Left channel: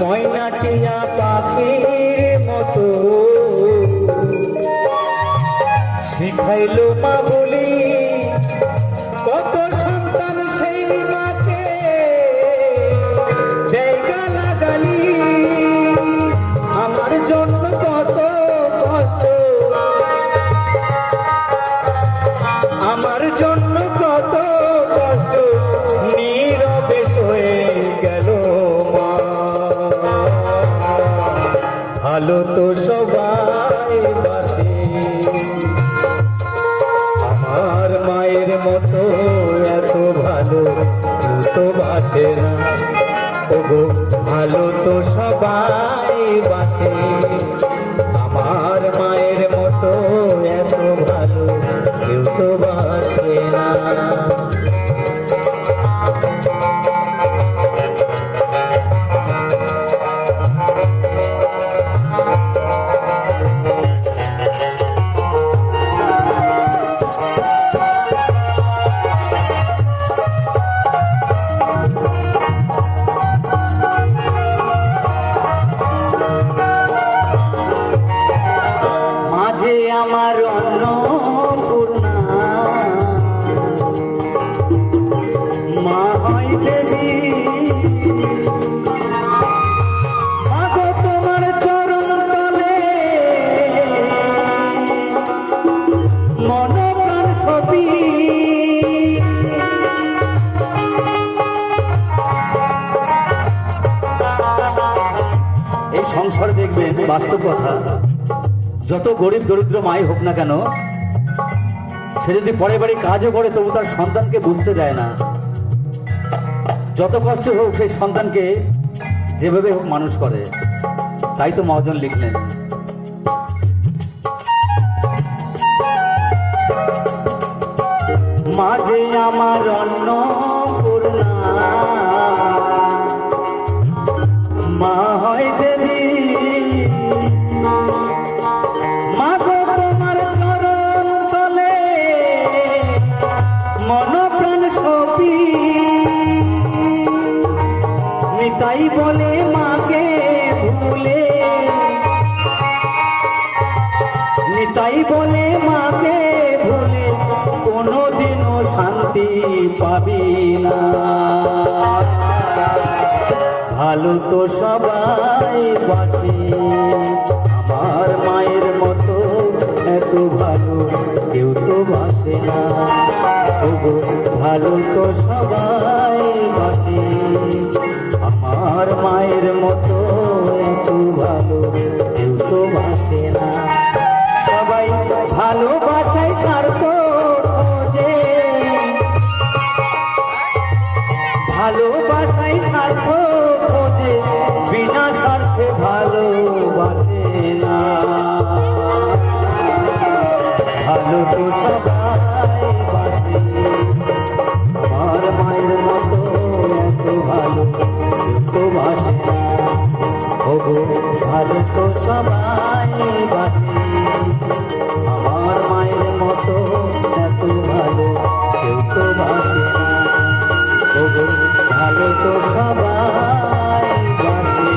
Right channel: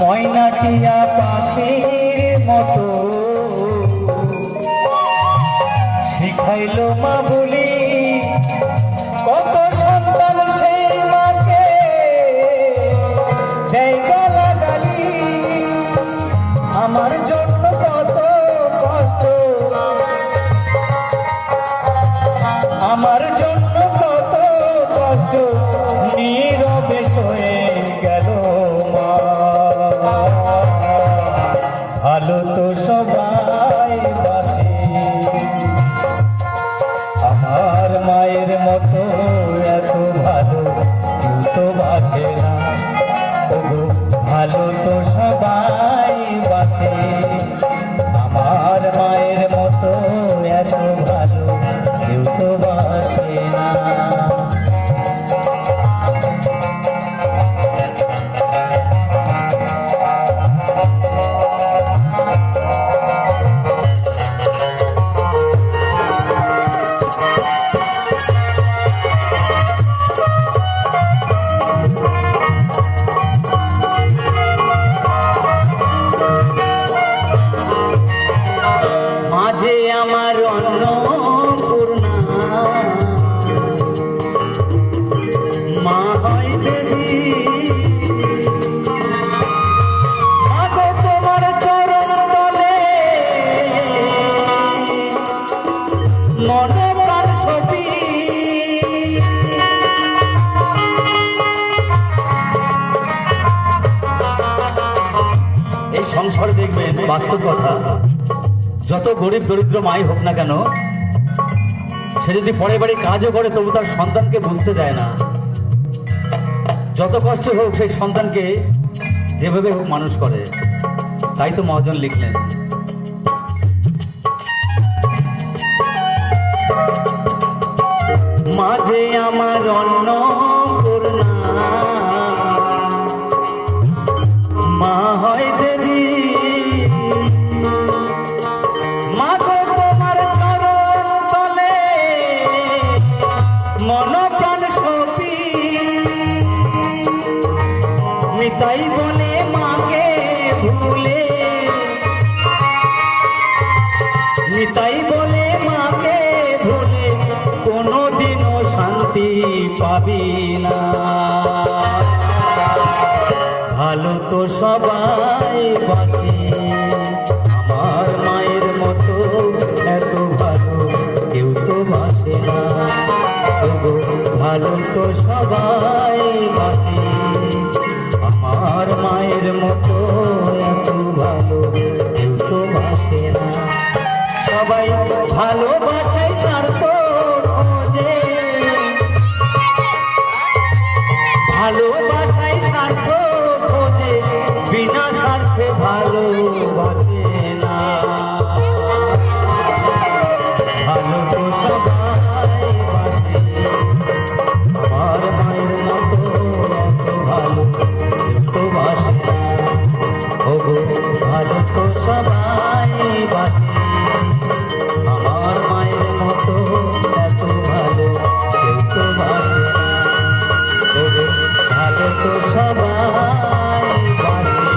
ময়নাটিয়া পাখির মতো শিখাইল মা বলি, কত সন্তান সেই মাকে দেয় গালাগালি। আমার জন্য কত কষ্ট, আমার জন্য কত কষ্ট নীরবে সয়ে গেল মা। ভালো তো সবাই বাসে, আমার মায়ের মতো এত ভালো কেউ তো বাসে না। ওগো ভালো তো সবাই বাসে, আমার মায়ের মতো এত ভালো কেউ তো বাসে না। মাঝে আমার অন্নপূর্ণা মা হয় দেবী, আগো তোমার চরণ তলে মনে প্রাণ ছবি। এই সংসার দেখবেন বাস্তব কথা, যত গরিব দরিদ্র মাই হোক না কেন, সে যদি পরের বাড়ি কাজও করে তবু তার সন্তানকে বুঝতে দেয় না। যত কষ্ট হোক সেই সন্তানকে যেভাবে হোক মানুষ করে। তাই তো মহাজন লিখলেন, মাঝে আমার অন্নপূর্ণা মা হয় দেবী, নিতাই বলে মাকে ভুলে, নিতাই বলে মাকে ভুলে কোনোদিনও শান্তি পাবি না। ভালো তো সবাই বাসে, আমার মায়ের মতো এত ভালো কেউ তো বাসে না। ওগো ভালো তো সবাই বাসে, আমার মায়ের মতো এত ভালো কেউ তো বাসে না। সবাই ভালোবাসায় স্বার্থ খোঁজে, ভালোবাসায় স্বার্থ খোঁজে, বিনা স্বার্থে ভালোবাসে না। ভালো তো সবাই বাসে, আমার মায়ের মতো এত ভালো তো বাসে না। ওগো ভালো তো সবাই বাসে, আমার মায়ের মতো এত ভালো কেউ তো বাসে না। ওগো ভালো তো সবাই বাসে,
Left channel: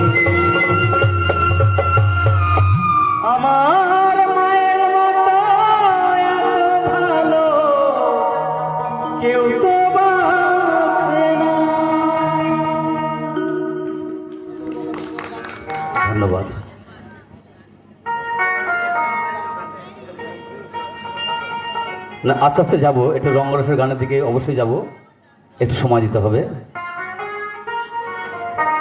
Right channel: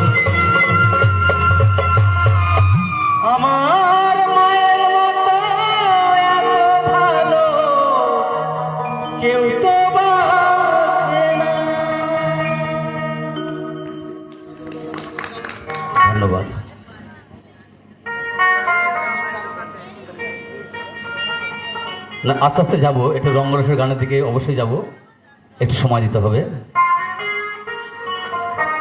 আমার মায়ের মতো এত ভালো কেউ তো বাসে না। ধন্যবাদ। না, আস্তে আস্তে যাবো, একটু রঙ্গরসের গানের দিকে অবশ্যই যাব, একটু সময় দিতে হবে।